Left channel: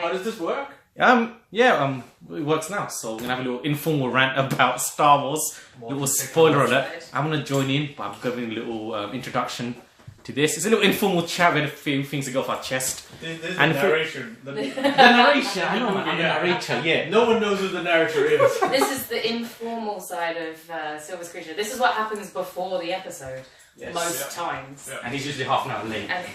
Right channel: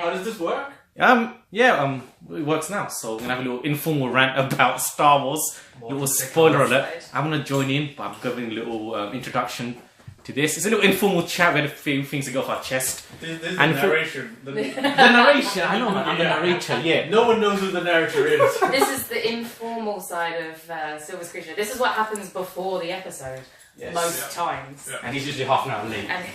How does this work? It works now. So we're gonna have a little informal rant about Star Wars. Little spoiler alert. I'm gonna join in, but I'm giving a little introduction to this. It's a little informal chat. We had a few things to go off our chest. This is the narration. The narration. I know, man. I'm the narrator. Yeah. No one knows who the narrator is. This is the informal side of Silver's Creature. This is what happens before the episode. Yes. Most times. Yeah. And he's usually half an hour late. And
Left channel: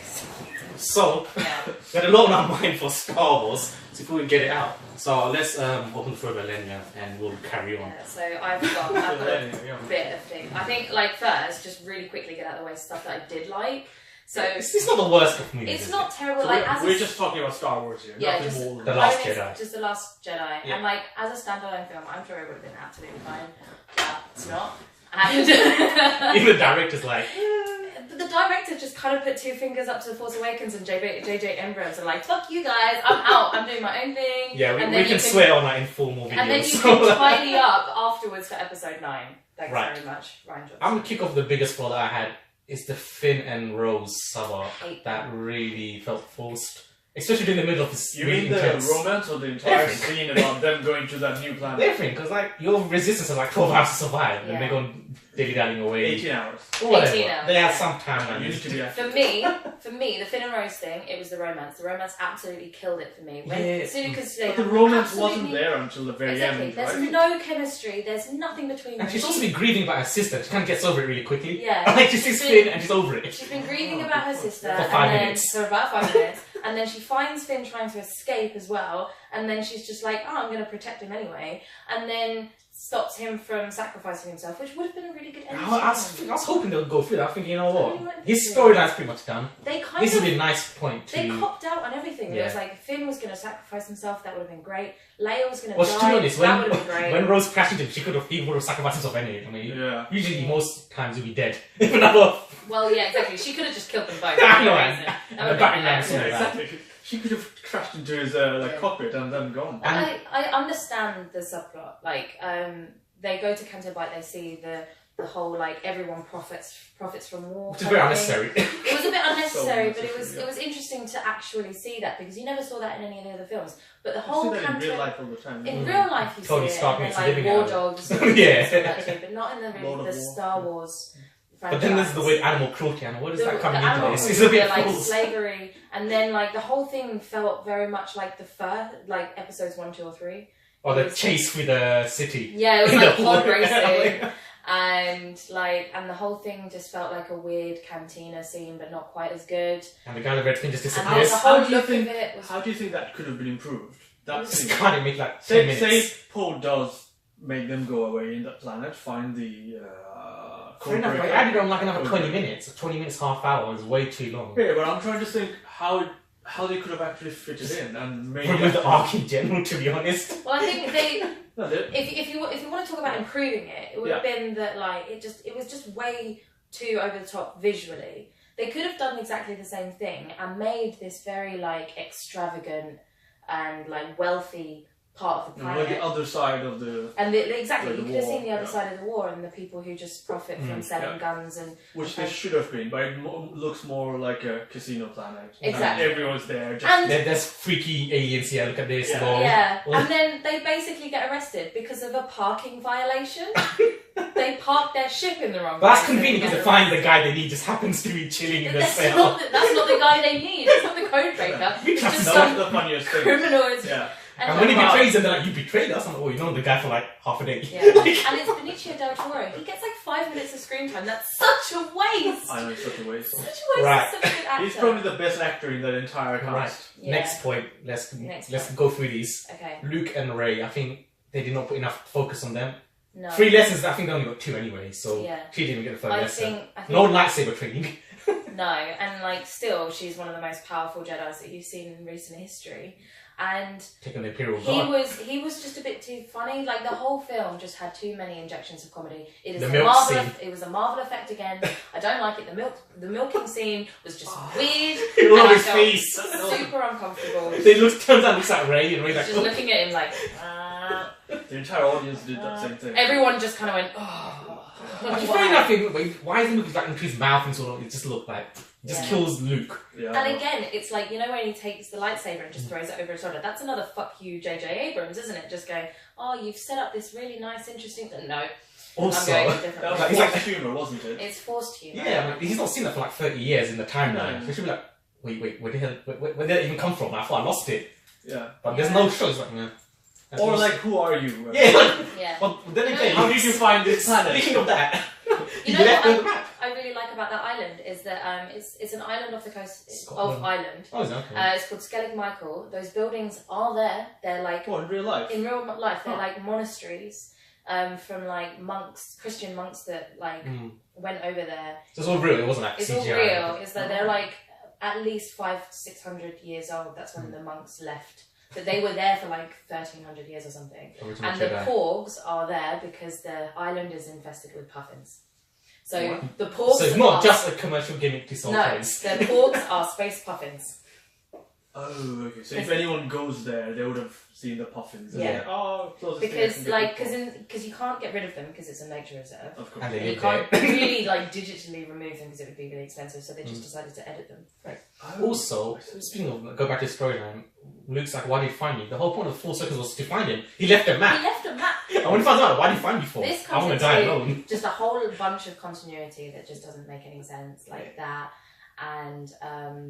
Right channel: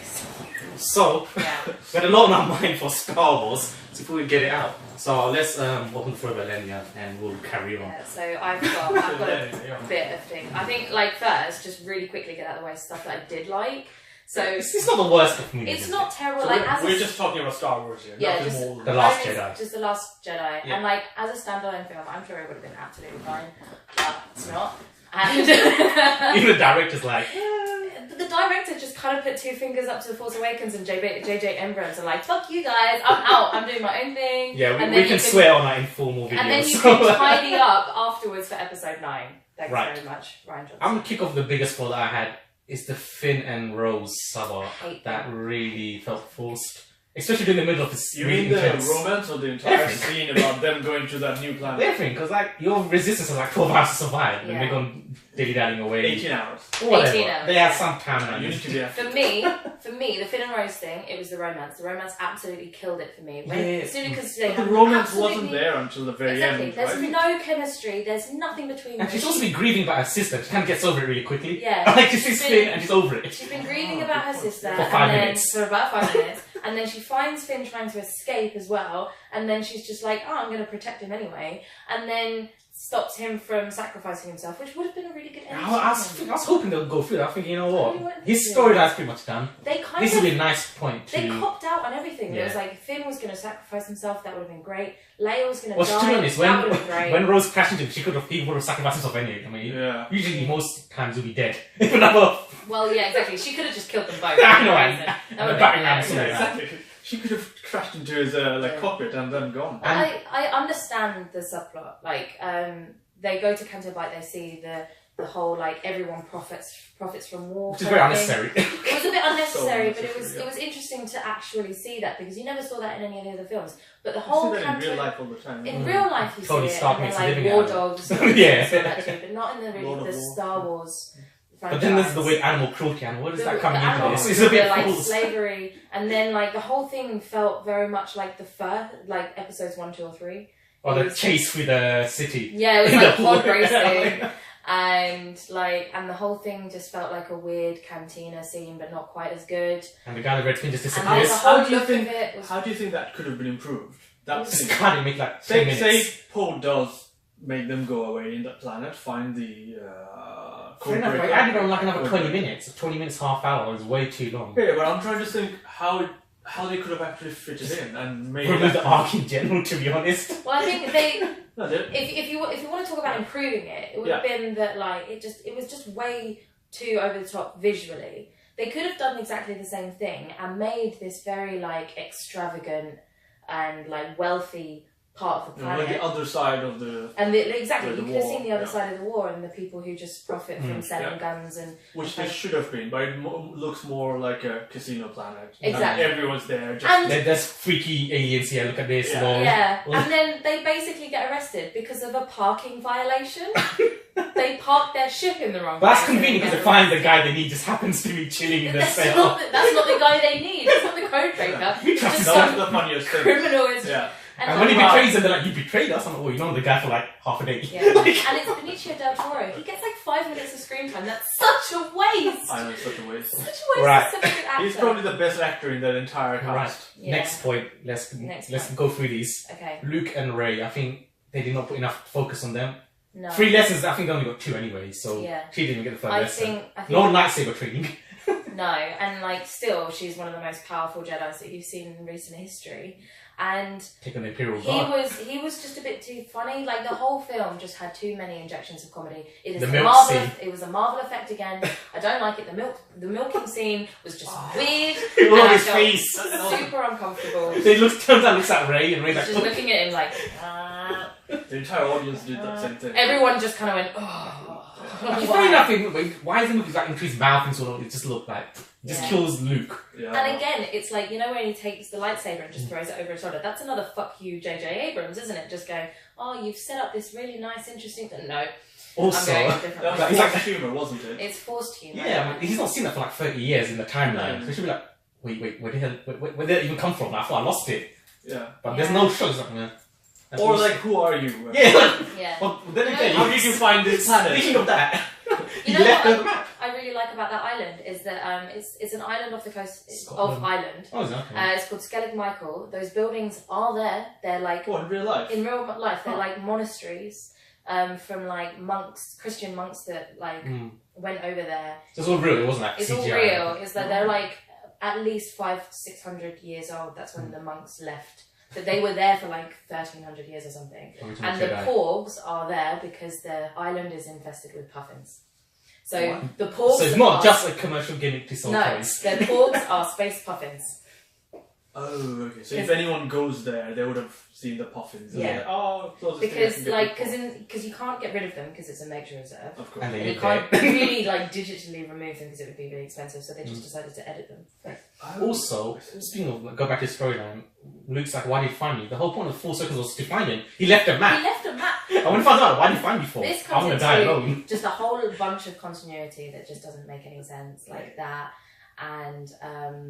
So, we had a lot on our mind for Star Wars, so before we get it out. So let's open the floor with Elenia and we'll carry on. yeah, so I've got a bit of thing. I think, like, first, just really quickly get out of the way stuff that I did like. So It's not the worst of movies. it's not terrible. So like, we're just talking about Star Wars here. Yeah, nothing just more than The that. Last Jedi. Just the Last Jedi, Yeah. and like as a standalone film, I'm sure it would have been absolutely fine, but it's not. And Even the director's like, the director just kind of put two fingers up to the Force Awakens, and J.J. Abrams are like, "Fuck you guys, I'm out. I'm doing my own thing." yeah, and we can swear on that informal videos. And then you can tidy up afterwards for Episode 9. Thanks Right. very much, Ryan Johnson. I'm gonna kick off the biggest flaw that I had. Is the Finn and Rose sub-arc Hate that really felt forced. Especially in the middle of this You really mean the intense... romance or the entire Everything. scene about them going to that new planet? Everything, because like, your resistance is like 12 hours to survive, and Yeah. they're going dilly-dallying away. 18 hours. Or whatever. 18 hours, They have yeah. some time. You need to be For me, the Finn and Rose thing, it was the romance. The romance absolutely killed it for me. As soon as they But the have romance absolutely- wasn't there until the very Exactly. end. There's right? no chemistry. There's nothing between them. And she's supposed to be grieving about her sister. She kind of gets over it really quickly. Yeah. Like, she sees Finn and she's over it. She's been grieving about her sister For 5 minutes. for about 5 minutes, and then she finds Finn trying to escape as well, and then she's just like, "Oh, I'm going to protect him anyway," and then stops him from sacrificing himself, which would have been a really good ending. I was hoping they would go through that. I think, you know Really what? wanted His to. storyline's pretty much done. They kind This would of be a nice point to... they copped out on everything. It was Yeah. like Finn was going to sacrifice himself. That would have been great. Leia was going to Well, die. to be honest, that would have been great. when Rose crashed into him, he would have sacrificed himself anyway. I mean, Yeah. usually most times he'll be dead. Even though... Well, yeah, exactly. She could have just killed them both. I know, That would the have batting been ram hilarious. scene. Exactly. She could have crashed into his cockpit and then gone. But I understand the subplot. Like, they go to Canto Bight, they see the whole like everyone profits from war. Which is very unnecessary. It was a bit unnecessary, but unnecessary, it was interesting to actually see that because you never saw that in any of the other films. But the I whole see that in Canto real life all the time. in real life you Tony see it, Stark and makes then a like living War out of it. Dogs, Yeah. and that too, but not in the Lord really of the War. Star Wars. But then there's the franchise. weird animal cruelty animal. What is that The coming into animal this? cruelty, It's a bit like false. slavery, and then like the whole thing felt very much like the first, like episodes 1, 2, or 3. Or the chase through the city. Yeah, it was In like the pod water. racing, and the whole thing just felt like a weird cantina scene, but not quite as good. And the guy in the red skin just And disappears. the whole How do you look think- of it was. How do you think that could have been improved? That Just scene. can't make like 10 Say minutes. Poe does make them go away in that planet, find the Fair enough, but I added on like another 20 minutes. 20 minutes, half hour is way too long. Yeah, but I'm trying to think how they could have actually fit it in and made Remove it the arc in general, to be honest. Well, I think they. No, they- If you want to talk about improving it, it would have been that like it was just way too over the top visually. They could have done exactly the same thing and made this very like extravagant and like wealthy part of the planet. like the other side of the And exactly, the you could have war, seen the other yeah. side of the war and the people who just profit from selling yeah. guns and which Okay. they should have been, but it looks more like a casino planet. Exactly. And everyone's there. Just And- There's freaky aliens here, look at this. Yeah. lol. yeah, Well, and then they basically get arrested because of a parking violation. They parked their ship in the wrong But that's place and convenient because get they find the guy they need just happens to be chilling in the That's cell. that's not the guy they need. It's not the code breaker. It's That's just that some was the funniest thing. criminal. Is, Yeah. And when he like, betrays them, they're like, "You betrayed us." I'm like, "Oh, you know the guy for like half a day." yeah. And it's Benicio del Toro. He gets like 5 minutes of screen time. That's such a waste. I know it's such a waste. Such a waste. Right. Of such a good actor. He's probably the best actor in that entire Right. cast. Yeah. Next point. Let's Next go through these. Okay. Luke and Ray. I think they did not put enough focus on them. No. 3 lessons. I think they only got 2 anyway. So Yeah. she didn't even get the third I lesson. think No lightsaber training. no, and like still, she's one of the most powerful Jedi's that you've seen in recent history. And Take on the Imperial he Guard. was just a bit too funny. Like the whole film just had too many injections of comedy. It is The a milk Marvel. scene. It was a Marvel effect again. I don't like it. The milking scene was just weird. Look and at I his felt face. super uncomfortable. They turns out looks at Ray and Ray's like, Just looking at him like. The entire audience did that same thing. Everyone just kind of went, oh. Fair enough. Why is the movie like into his mouth and sort of? It just looked like Just kills Luke. Yeah. And again, it's like, you know, when he takes the lightsaber and just throws it over his shoulder. That's another fuck you, J.J. Abrams, isn't it? Just going, oh, you've set up this really nice, interesting thing. No. Also, I'm going a different way. It's like humour, wasn't it? It's forced humour. yeah, I mean, he's not seen that for like 30 years in the timeline. No. So he should be like, wait, where did it even come from? I thought I lost it. Yeah. But there's no show. It's like, man. Or like, who are you? Yeah, like, Yeah. well, then again, How did you find this planet? Speaking of that, You he know left what the map. I really like about that island is that it's an island off the coast Scotland. of Ireland. Oh, is it? Okay. It's called Skellig Michael. Those buildings are there. They're like Oh, in real life? in real life. They're like monasteries from like monks, Christian monks that like went over there. So it's all real. It wasn't like It's CGI. all real. It's that they're like at least 500-600 years old. That's when the monks left. But they were there for like 1300 years or something. Original And the Jedi. porgs are there because the island is infested with puffins. So What? the porgs. So it's not are, just a commercial gimmick to sell no. toys. The porgs are space puffins. Oh, okay. So if anyone goes there, they would have seen the puffins. And Yeah. they're, oh, closest thing I Because can get like people. because you can't get rid of them because it's a nature reserve. Of course. And they And you live can't there. really like digitally remove them because it would be really expensive. So they just decided to edit them. Also, speaking of, go back to the storyline, Luke's like, why did you find me? The whole point of 4 seconds was to find him. He left a He map. left a map. I want to find out, why did you find me for? This I comes want to die into alone. just a whole bunch of continuity that just doesn't make any sense, like that. And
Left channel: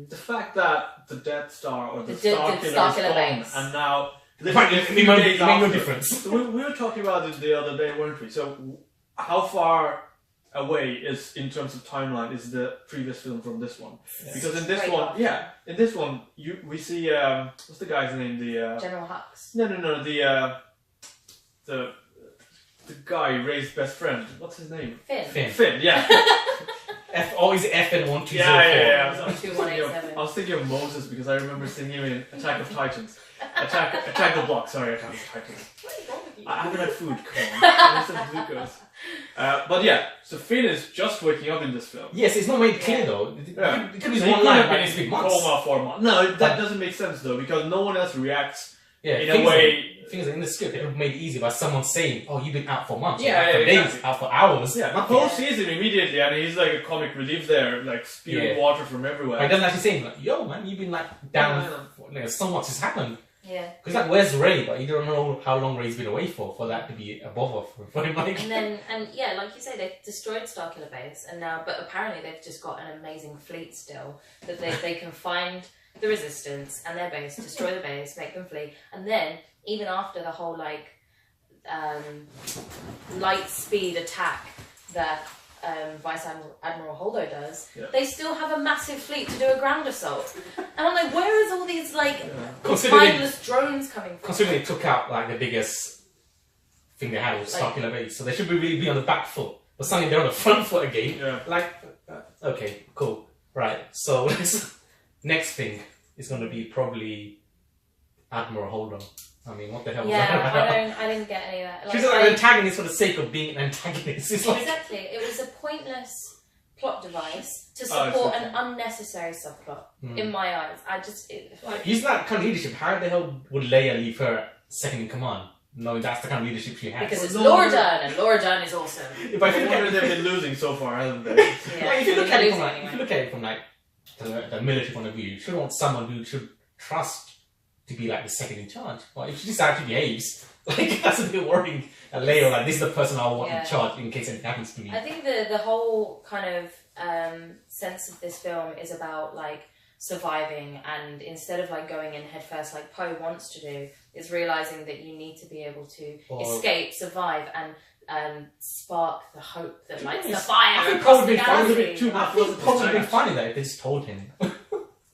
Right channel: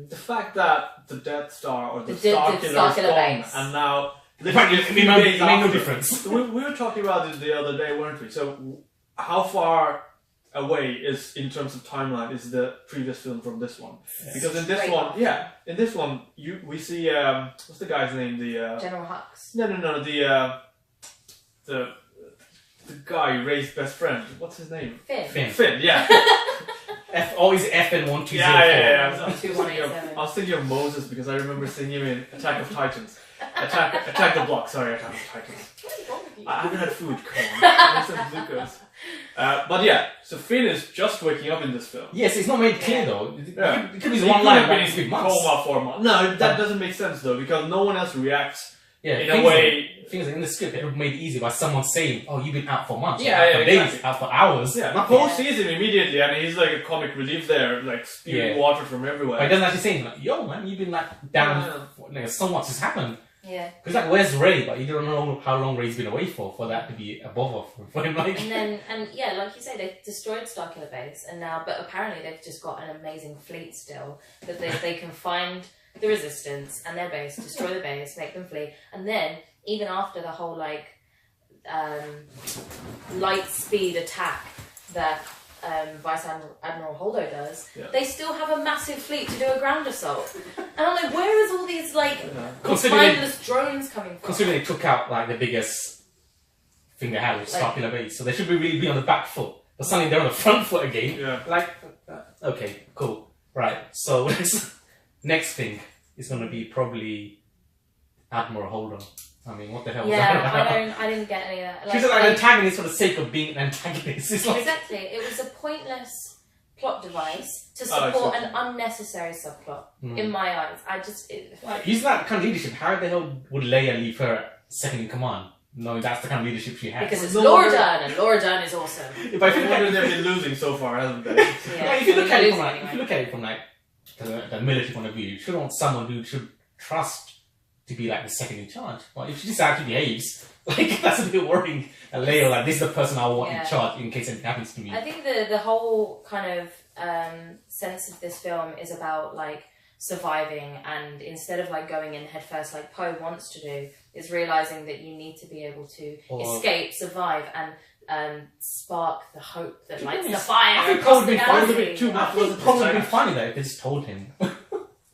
The fact that the Death Star or the The Star Star Killer is Killer gone, base. and now In fact, literally a it few made days no after- difference. We were talking about it the other day, weren't we? So how far away is, in terms of timeline, is the previous film from this one? Because in this Straight one, off. in this one, we see what's the guy's name? The General Hux. no, the guy who raised best friend. What's his name? Finn. Finn. Yeah. Is it FN1204? Yeah. I was 2187. I was thinking of Moses because I remember seeing him in Attack of Titans. Attack the Block. Sorry, Attack of Titans. What is wrong with you? I haven't had food. Come on. I said glucose. But yeah, so Finn is just waking up in this film. Yes, it's not made clear though. Yeah. It could be He one could line, have but been it's in been months. coma for a month. No, that doesn't make sense though because no one else reacts Yeah, in a way. Things in the script, it would have made it easy by someone saying, "Oh, you've been out for months, Yeah, out for yeah, days, exactly. out for hours." Yeah, Paul sees him immediately, and he's like a comic relief there, like spewing Yeah. water from everywhere. But he doesn't actually say, like, "Yo, man, you've been like down. So much has happened." Yeah. Because like, where's Ray? But you don't know how long Ray's been away for that to be a bother for him. Like, And yeah, like you say, they've destroyed Starkiller Base, and now, but apparently they've just got an amazing fleet still that they can find the Resistance and their base, destroy the base, make them flee, and then even after the whole like light speed attack that Vice Admiral Holdo does, they still have a massive fleet to do a ground assault. And I'm like, where is all these like mindless drones coming from? considering they took out like the biggest thing they had was Starkiller Base, so they should really be on the back foot. But suddenly they're on the front foot again. Yeah. Like, okay, cool, right. So next thing is going to be probably Admiral Holdo. I mean, what the hell was that Yeah, about? I didn't get any of that. She's like an antagonist for the sake of being an antagonist. It's like, Exactly. It was a pointless plot device to Oh, support it's an unnecessary subplot. In my eyes, he's that kind of leadership. How the hell would Leia leave her second in command? No, that's the kind of leadership she has. because it's No Laura wonder- Dern, and Laura Dern is awesome. If I I think wonder they've been losing so far, haven't they? Yeah, if you look at it from losing like, if you look at it from like the military point of view, you should want someone who should trust to be like the second in charge. But if she just actually behaves, like that's a bit worrying. And Leia, like this is the person I want in charge in case anything happens to me. I think the whole kind of sense of this film is about like surviving, and instead of like going in headfirst like Poe wants to do, is realizing that you need to be able to escape, survive, and spark the hope that lights the fire I think across Poe the would be fine with galaxy. it too. I think Poe would be funny though if they just told him. Poe-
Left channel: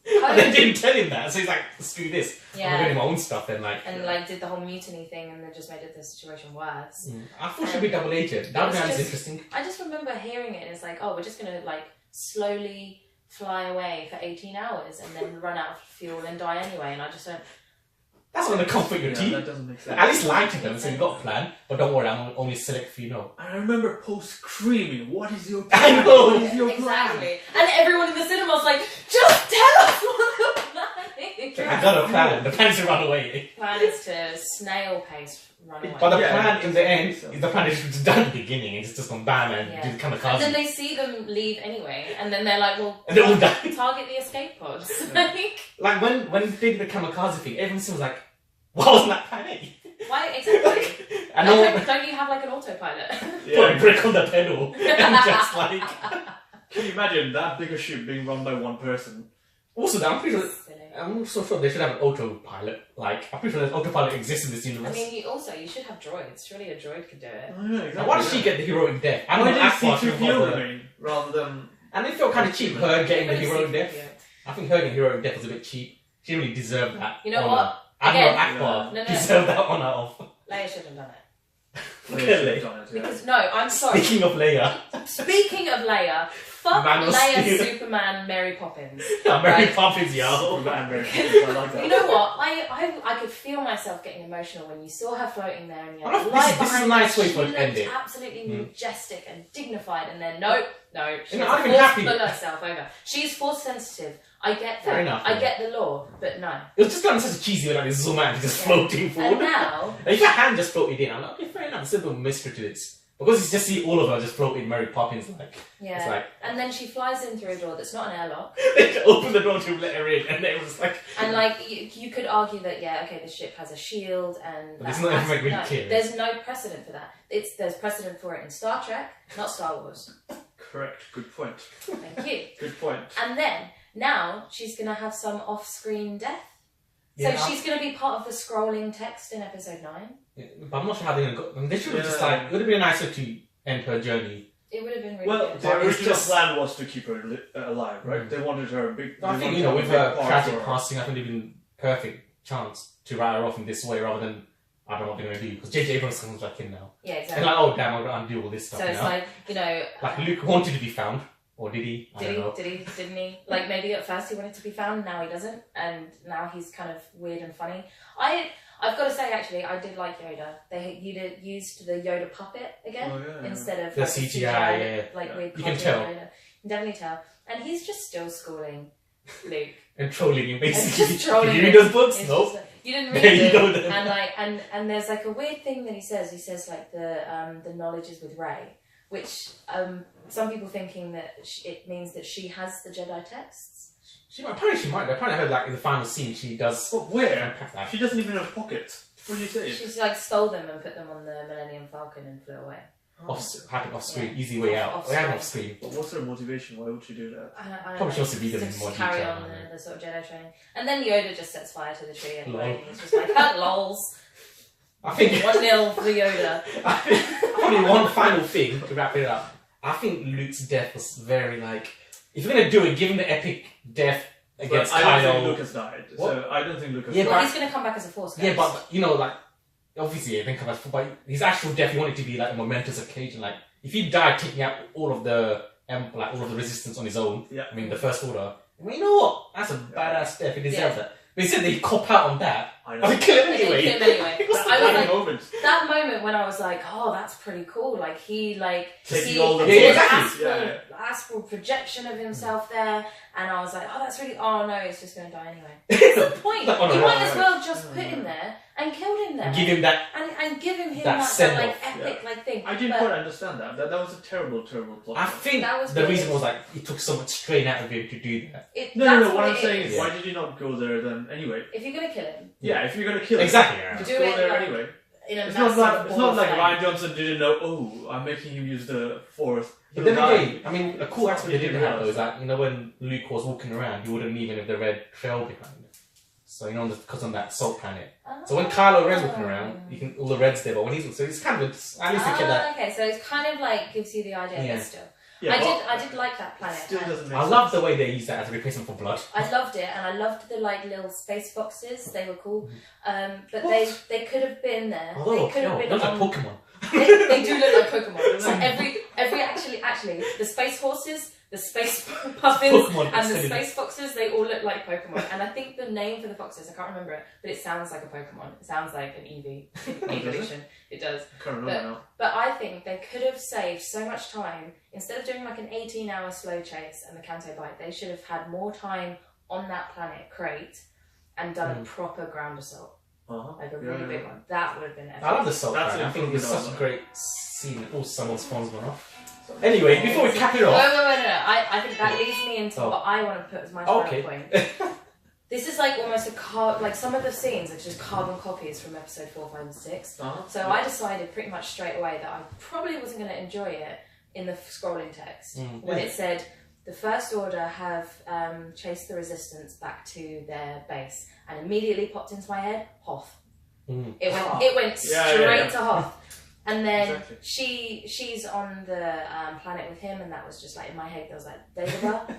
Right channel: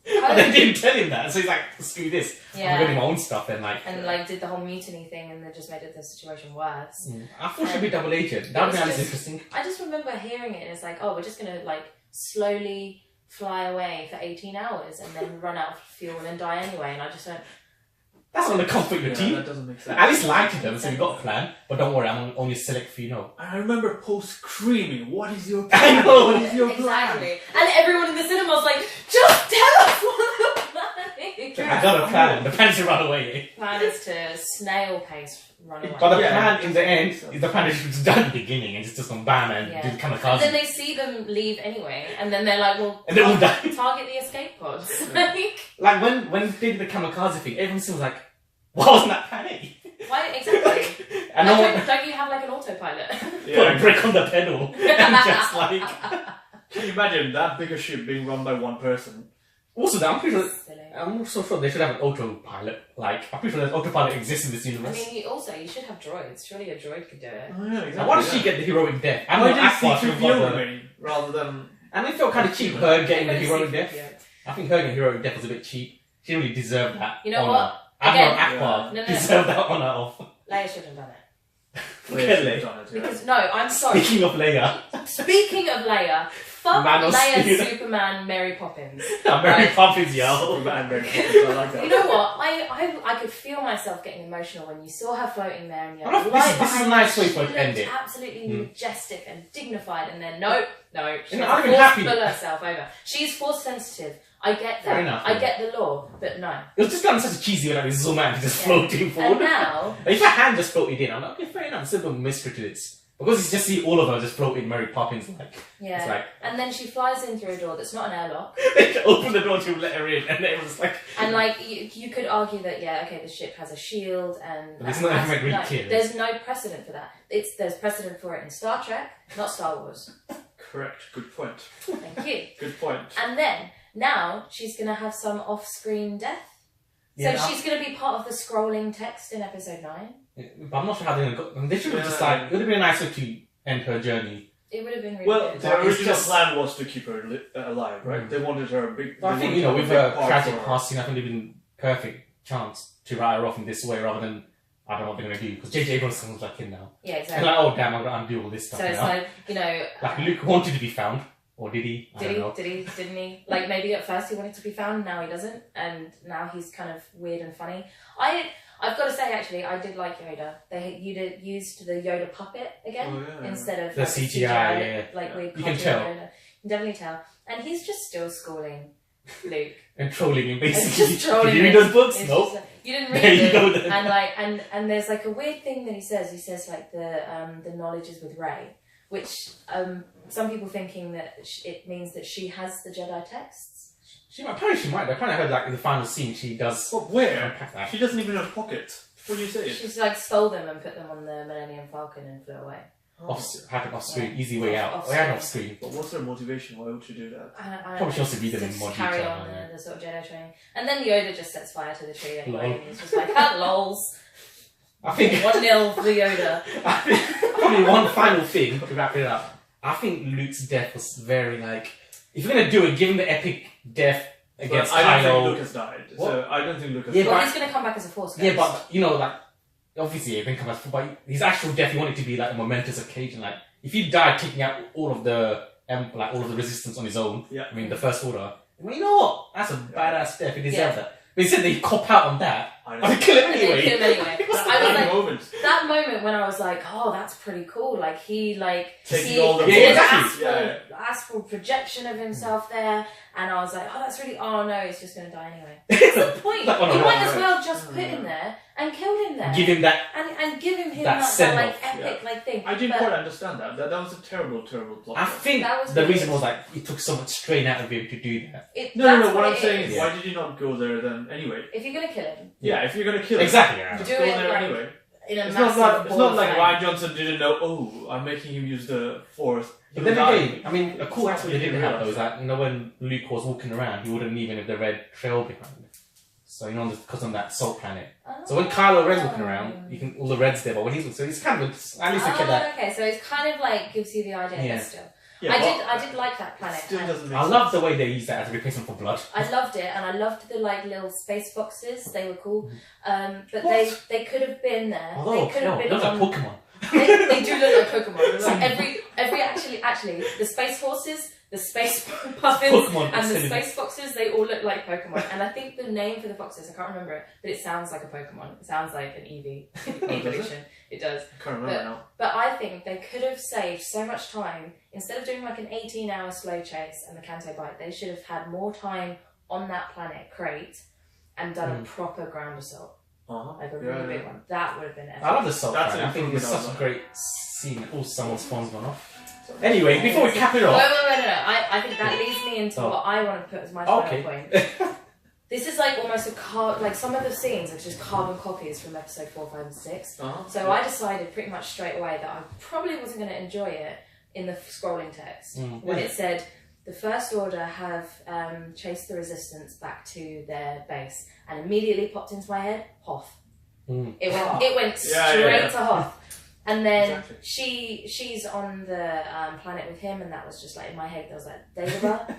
And they didn't tell him that, so he's like, screw this. Yeah. I'm doing my own stuff and like. and like did the whole mutiny thing, and then just made the situation worse. I thought she'd be double agent. That would be was just- interesting. I just remember hearing it, and it's like, oh, we're just gonna like slowly fly away for 18 hours and then run out of fuel and then die anyway. And I just went, That's not the comfort your Yeah, team. that doesn't make sense. At least lie to them, so you got a plan. But don't worry, I'm only select for you know. I remember Poe screaming, "What is your I plan? know. What is your plan?" exactly. And everyone in the cinema was like, just tell us what the plan is. I got a plan. The plan is to run away. Plan is to snail pace run away. But the plan in the end, the plan is done at the beginning, and it's just gone bam and do kamikaze. And then they see them leave anyway, and then they're like, well, and they all die. Target the escape pods. Like when they did the kamikaze thing, everyone was like, why wasn't that plan A? Why exactly? I know. Don't you have like an autopilot? Put a brick on the pedal and just like. Can you imagine that bigger ship being run by one person? Also, I'm also sure they should have an autopilot. Like, I'm pretty sure that autopilot exists in this universe. I mean, you should have droids. Surely a droid could do it. Oh, yeah, exactly. Why does she get the heroic death? I Why know did Akbar should have remain rather than... And it felt kind of cheap, her getting the heroic death. I think her getting heroic death was a bit cheap. She didn't really deserve that. You know honor. what? Admiral Akbar deserved that honour of... Leia should have done it. Because I'm sorry. Speaking of Leia. Fuck Man of Leia, Steel. Superman, Mary Poppins. Mary Poppins, yo. I like that. You know what? I could feel myself getting emotional when you saw her floating there and you're like, this is a nice way for it to end it. Absolutely majestic and dignified, and then no, she's I'm forced happy. to pull herself over. She's force sensitive. I get that. Fair enough, I get the law, but no. It was just kind of such a cheesy way, like this zoom out, just floating forward. And now, if her hand just floated in, I'm like, okay, fair enough, there's still a mystery to this. Because it's just see all of her just floating Mary Poppins like. yeah. It's like, and then she flies in through a door that's not an airlock. they open the door to let her in, and everyone's like. And like you could argue that the ship has a shield, and But it's not even really clear. there's no precedent for that. There's precedent for it in Star Trek, not Star Wars. Correct. Good point. Thank you. Good point. And then now she's gonna have some off-screen death. Yeah, so she's gonna be part of the scrolling text in episode 9. But I'm not sure how they're gonna go. I mean, they should have just like. It would have been a nice way to end her journey. It would have been really Well, good. the original plan was to keep her alive, right? They wanted her big. I think with her tragic passing, I think it'd been perfect chance to write her off in this way rather than I don't know what they're gonna do because J.J. Abrams comes back in now. Yeah, exactly. And like, oh damn, I'm gonna undo all this stuff. So it's now. like like Luke wanted to be found, or did he? Didn't he? Like maybe at first he wanted to be found, now he doesn't, and now he's kind of weird and funny. I've got to say, actually, I did like Yoda. They used the Yoda puppet again instead of the CGI, like weird. You can tell. Yoda. You can definitely tell, and he's just still schooling Luke and trolling him basically. And just trolling Did you read those books? It's Nope. You didn't read There you them. go then. And like and there's like a weird thing that he says. He says like the knowledge is with Rey, which some people thinking that it means that she has the Jedi texts. Apparently she might. I kind of heard like in the final scene she does. But where? She doesn't even have pockets. What do you say? She's like stole them and put them on the Millennium Falcon and flew away. Happened off screen, easy way out. Off screen. But what's her motivation? Why would she do that? I don't Probably she wants to read them in just more carry detail. on the sort of Jedi training. And then Yoda just sets fire to the tree anyway. Lol. And he's just like, lols. I think 1-0 for Yoda. Probably one final thing to wrap it up. I think Luke's death was very like. If you're gonna do it, give him the epic death against I Kylo. don't think Luke has died. What? So I don't think Luke has Yeah, died. Well, he's going to come back as a Force ghost. Yeah, but you know, like obviously, it didn't come back. But his actual death, he wanted to be like a momentous occasion. Like if he died taking out all of the all of the resistance on his own. Yeah. I mean, the First Order. Well, you know what? That's a badass death. He deserves that. But he said they cop out on that. I know. I would kill him And they anyway. kill him anyway. That's I was the like, moment. that moment when I was like, oh, that's pretty cool. Like he Taking he all the did exactly. astral projection of himself there, and I was like, oh, that's really. Oh no, he's just going to die anyway. What's the point? Like, oh, no, You might right, as well just put him there and killed him there. Give him that. and give him that that send-off. like epic like thing. I didn't But quite understand that. That was a terrible, terrible plot. I think That was the weird. reason was like it took so much strain out of him to do that. No. What I'm it saying is. is, why did you not go there then anyway? If you're going to kill him, Yeah, if you're gonna kill him, Exactly. just Do go it there like- anyway. in a It's massive not ball like of Ryan flame. Johnson didn't know. Oh, I'm making him use the Force. But then He'll die. again, I mean, a cool It's aspect not they didn't really have though is realised. that when Luke was walking around, he wouldn't even have the red trail behind. So because on that salt planet. So when Kylo Ren's walking around, you can all the reds there. But when he's so it's kind of at least they kept that. Okay, so it's kind of like gives you the idea, Yeah. but still. Yeah, I did like that planet. Still doesn't make I sense. love the way they used that as a replacement for blood. I loved it, and I loved the like little space foxes. They were cool, but What? they could have been there. Although, they could have been. those are on- Pokemon. they do look like Pokemon. Like every actually the space horses, the space puffins, Pokemon and the extended. space foxes, they all look like Pokemon. And I think the name for the foxes, I can't remember it, but it sounds like a Pokemon. It sounds like an evolution. It does. I can't remember now. But I think they could have saved so much time. Instead of doing like an 18-hour slow chase and the Canto Bite, they should have had more time on that planet, Crate, and done a proper ground assault. Like a really big one. That would have been epic. I love the salt. That's I think it's such a improvement great scene. Oh, someone's phone's gone off. Anyway, before we cap it off. Wait, no. I think that leads me into what I want to put as my final point. This is like almost like some of the scenes are just carbon copies from episode 4, 5, and 6. So I decided pretty much straight away that I probably wasn't going to enjoy it in the scrolling text when it said the First Order have chased the Resistance back to their base, and immediately popped into my head Hoth. It went straight to Hoth. And then she's on the planet with him, and that was just like in my head. There was like Dagobah,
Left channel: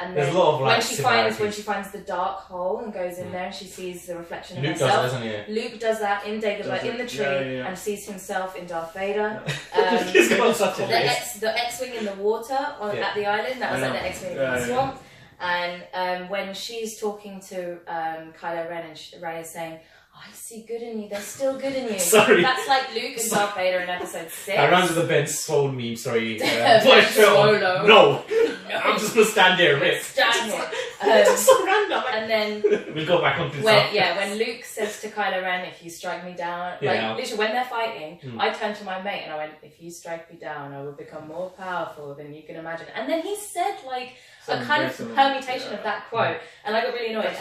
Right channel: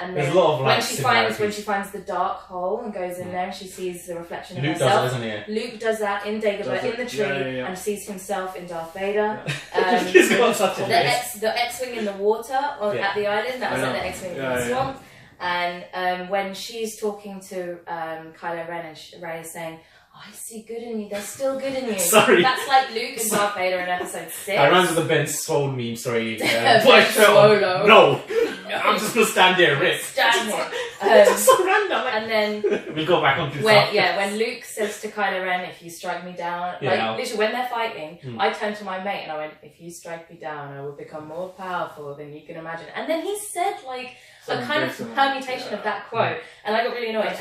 and then when she finds the dark hole and goes in there, and she sees the reflection of herself. Luke does that in Dagobah in the tree, and sees himself in Darth Vader. The X-wing in the water at the island. That was like the X-wing in the swamp. And when she's talking to Kylo Ren, and Rey is saying, I see good in you. There's still good in you. Sorry. That's like Luke and Darth Vader in episode 6. I reminds me of the Ben Swole meme, sorry. Ben Swolo. No. I'm just going to stand there and rip. Stand there. It's so random. And then... we'll go back on to when Luke says to Kylo Ren, if you strike me down... literally, when they're fighting, I turned to my mate and I went, if you strike me down, I will become more powerful than you can imagine. And then he said, like, a kind of permutation of that quote. And I got really annoyed.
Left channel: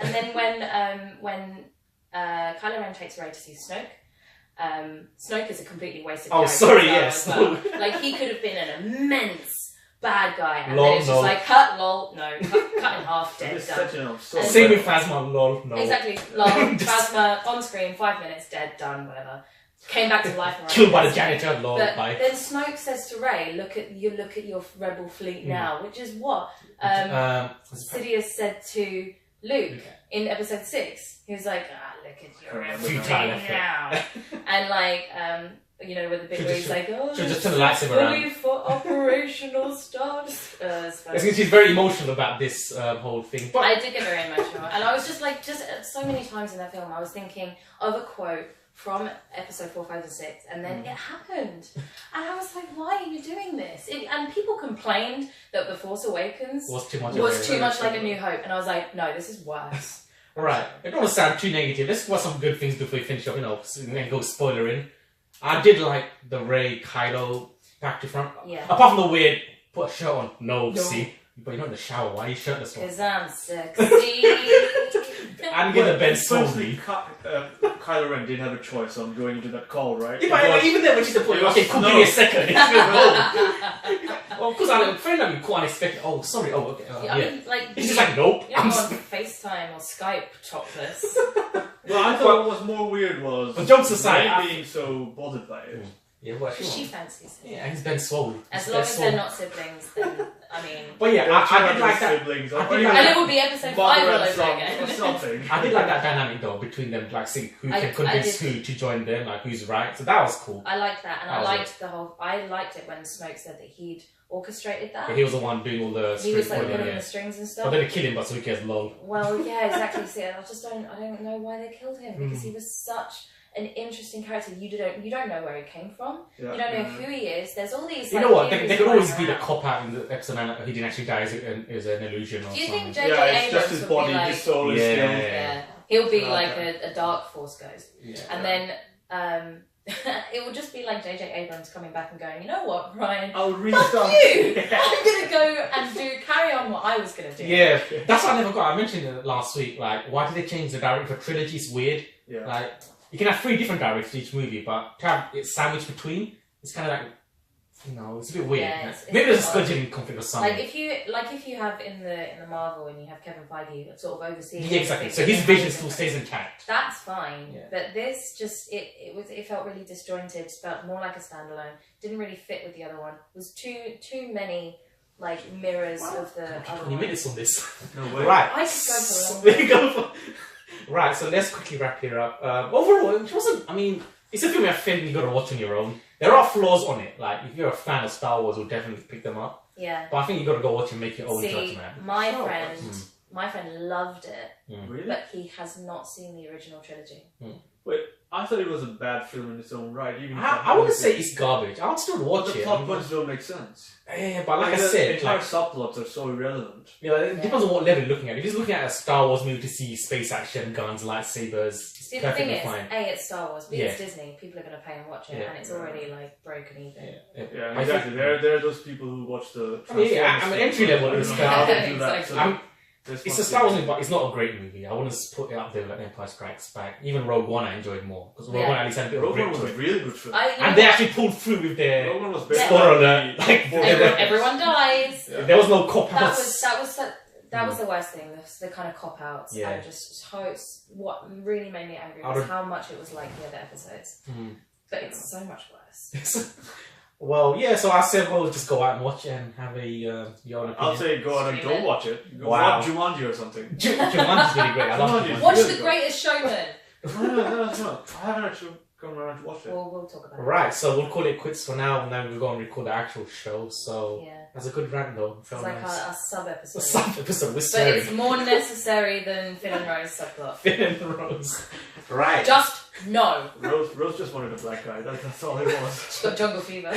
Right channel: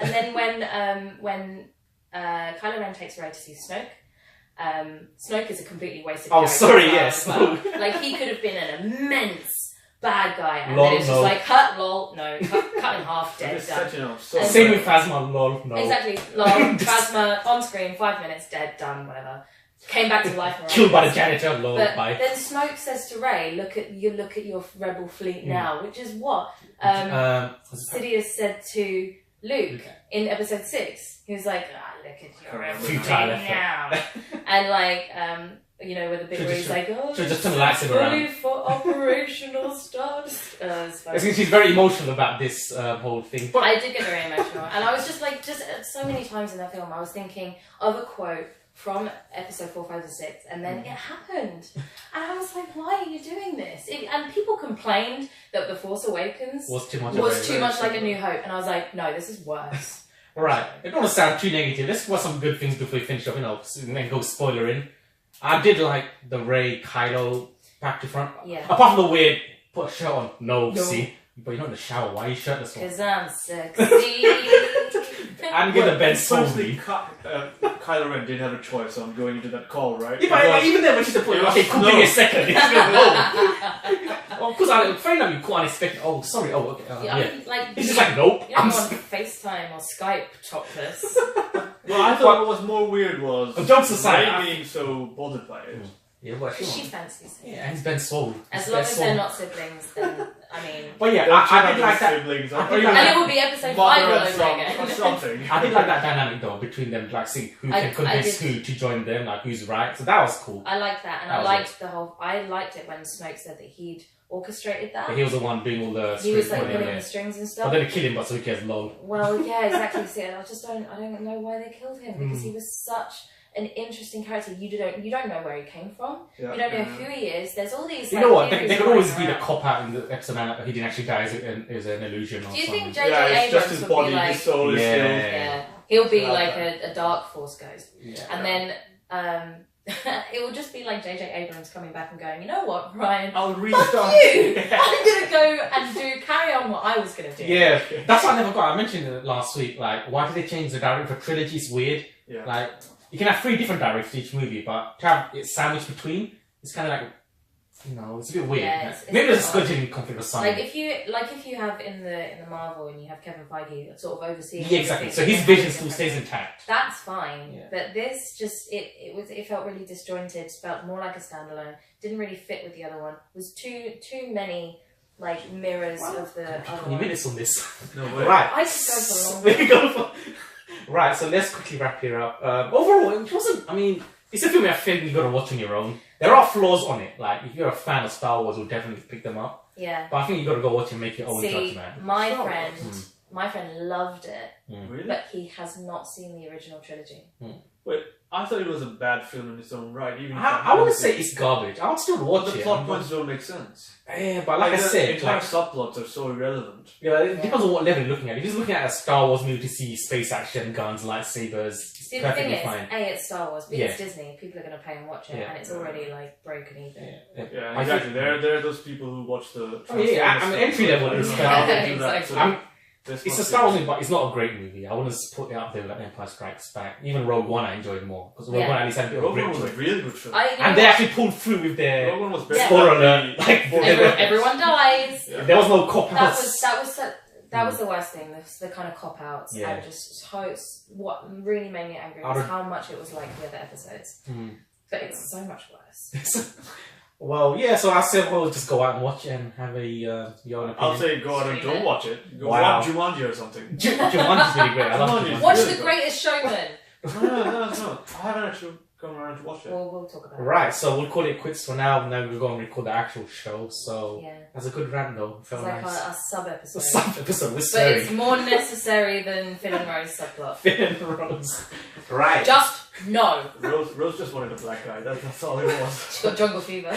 And then when Kylo Ren takes Rey to see Snoke. Snoke is a completely wasted character. Sorry, yes. Well. Like, he could have been an immense bad guy, and then it's just like, cut in half, dead, done. Same with Phasma, lol, no. Exactly, lol, Phasma, on screen, 5 minutes, dead, done, whatever. Came back to life. Killed by the janitor, lol, but bye. Then Snoke says to Rey, look at your rebel fleet now, which is what Sidious said to Luke in episode 6. He was like, look at your rebel fleet now. And like, with the bit where he's like, just turn the lights fully for operational start. She's very emotional about this whole thing. But I did get very emotional. And I was just like, so many times in that film, I was thinking of a quote from episode 4, 5, and 6, and then it happened. And I was like, why are you doing this? And people complained that The Force Awakens was too much like A New Hope. And I was like, no, this is worse. Alright, I don't want to sound too negative. Let's watch some good things before we finish up, and then go spoiler in. I did like the Rey Kylo back to front. Yeah. Apart from the weird, put a shirt on. No. See? But you're not in the shower. Why are you shirtless for? Because I'm sexy. I'm gonna Ben Slowly. Kylo Ren didn't have a choice on going into that call, right? Yeah, but even then when she's deployed, okay, give me a second. It's gonna go. Of course, I'm afraid that you quite unexpected. Oh, sorry. Oh, okay. I mean, like, it's just like, nope. You don't go on FaceTime or Skype topless. Well, I thought what was more weird was jokes aside, being so bothered by it. Yeah, well, she fancies it. Yeah, and he's Ben Swole. As long as they're not siblings, then, I mean... But yeah, I did like that. And it will be episode 5 all over again. I did like that dynamic though, between them, like, see who can convince who to join them, like, who's right. So that was cool. I liked that, and I liked it when Snoke said that he'd orchestrated that. But he was the one doing all the... He was, like, pulling the strings and stuff. But then they killed him, but so who cares, lol. Well, yeah, exactly. See, I don't know why they killed him, because he was such... an interesting character. You don't know where he came from. Yeah, you don't know who he is. There's all these. You know what? They could always be the cop out in the episode 9. He didn't actually die as an illusion. Or Do you something. think J.J. Abrams his would body, be like? His soul is yeah, he'll be like a dark force ghost, and then it will just be like J.J. Abrams coming back and going, you know what, Ryan? I'll restart. Fuck you! I'm gonna go and carry on what I was gonna do. Yeah, that's what I never got. I mentioned it last week. Like, why did they change the director for trilogy? It's weird. Yeah. Like. You can have 3 different directors for each movie, but to have it sandwiched between, it's kind of like, it's a bit weird. Yeah, maybe there's a scheduling conflict or something. Like if you have in the Marvel and you have Kevin Feige sort of overseeing. Yeah, exactly. So his vision still stays intact. That's fine, but this just it felt really disjointed. Felt more like a standalone. Didn't really fit with the other one. Was too many like mirrors of the other 20 one. minutes on this. No way. Right. I could go for a long time. Right, so let's quickly wrap it up. Overall, it wasn't... I mean, it's a film I think you got to watch on your own. There are flaws on it. Like, if you're a fan of Star Wars, you'll definitely pick them up. Yeah. But I think you got to go watch and make your own judgment. My friend loved it, Really? but he has not seen the original trilogy. Wait, I thought it was a bad film in its own right. Even I wouldn't say it's garbage. I would still watch the it. plot points don't make sense. Yeah, but like I the said, entire subplots are so irrelevant. yeah, it depends on what level you're looking at. If you're looking at a Star Wars movie to see space action, guns, lightsabers, See, the thing perfectly is, fine. it's Star Wars, B, it's Disney. People are going to pay and watch it, Yeah. and it's already like broken even. Yeah, exactly. There are those people who watch the. I mean, entry level is Exactly. It's a Star Wars movie, but it's not a great movie. I wouldn't put it up there with like Empire Strikes Back. Even Rogue One, I enjoyed more because Rogue One at least had a bit of Rogue grit One to was it. a really good film. And they actually pulled through with their Rogue One was better. spoiler alert. Like, Everyone dies. there was no cop That outs. was the worst thing. The kind of cop outs and just what really made me angry was how much it was like the other episodes. But it's so much worse. Well, yeah. So I said, well, just go out and watch it and have a your own opinion. I'll say go out and don't watch it. Go Wow. watch Jumanji or something. Jumanji's really great. I love Jumanji. Watch The Greatest Showman. No. I haven't actually come around to watch it. We'll talk about it. Right, so we'll call it quits for now, and then we'll go and record the actual show. So that's a good rant, though. It's like our sub-episode. A sub-episode, we're But sorry. it's more necessary than Finn and Rose subplot. Finn and Rose. Right. Just no. Rose just wanted a black guy. That's all it was. She got jungle fever.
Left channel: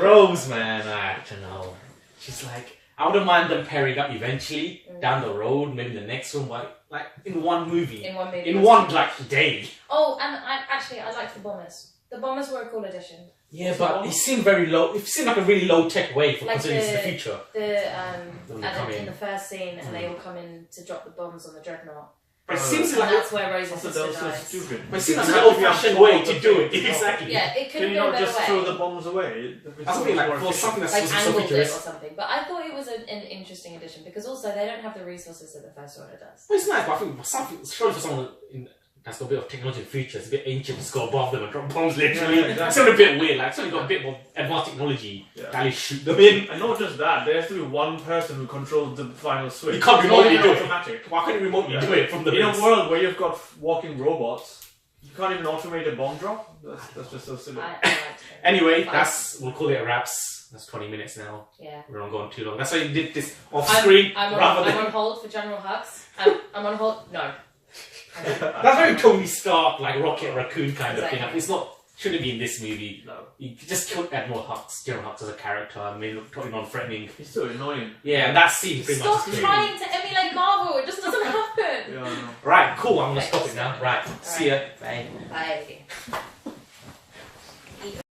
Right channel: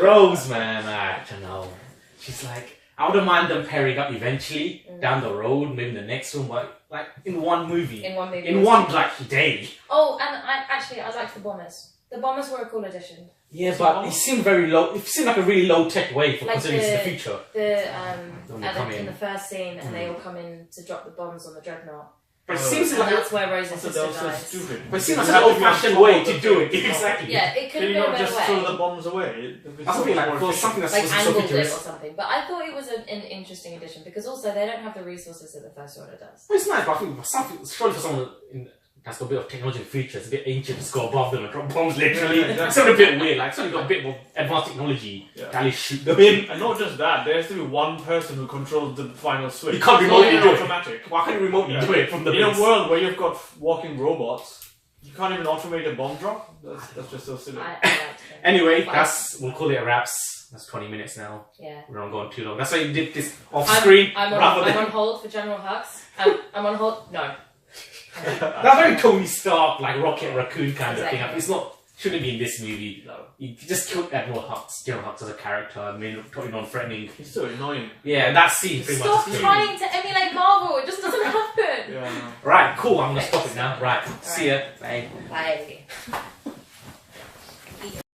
Rose, man, I don't know. She's like, I wouldn't mind them pairing up eventually down the road, maybe the next one, but like in one movie. In one movie. In one like day. Oh, and I liked the Bombers. The Bombers were a cool addition. Yeah, but it seemed very low. It seemed like a really low tech way for Like considering it's the future. In the first scene, and they all come in to drop the bombs on the dreadnought. But it seems And like that's where Rose's That sister was so dies. stupid. But it seems like an old-fashioned way to do it. Exactly. Yeah, it could Can have you been a not better just way. throw the bombs away? That's something like for something that's Like supposed to be so angled it or futuristic. something. But I thought it was an interesting addition because also they don't have the resources that the First Order does. Well, it's nice, but I think something surely for someone that's got a bit of technology in the future, it's a bit ancient to go above them and drop bombs literally. Yeah, It's sort of a bit weird. Like, it's only got a bit more advanced technology to actually shoot them in. And not just that, there has to be one person who controls the final switch. You can't It's remotely not do it. automatic. Why can't you remotely do it from the In base? a world where you've got walking robots, you can't even automate a bomb drop. That's just so silly. I liked it. Anyway, we'll call it a wraps. That's 20 minutes now. Yeah. We're not going too long. That's why you did this off screen. I'm rather than... on hold for General Hux. I'm on hold. No. That's very Tony Stark, like Rocket Raccoon kind of thing. Exactly. It's not. Shouldn't be in this movie. No. You just killed Admiral Hux, General Hux as a character. I mean, totally non-threatening. He's so annoying. Yeah, that scene pretty Stop much. trying to emulate Marvel. It just doesn't happen. Yeah, I know. Right, cool. I'm gonna stop it now. Right, see ya. Bye. Bye.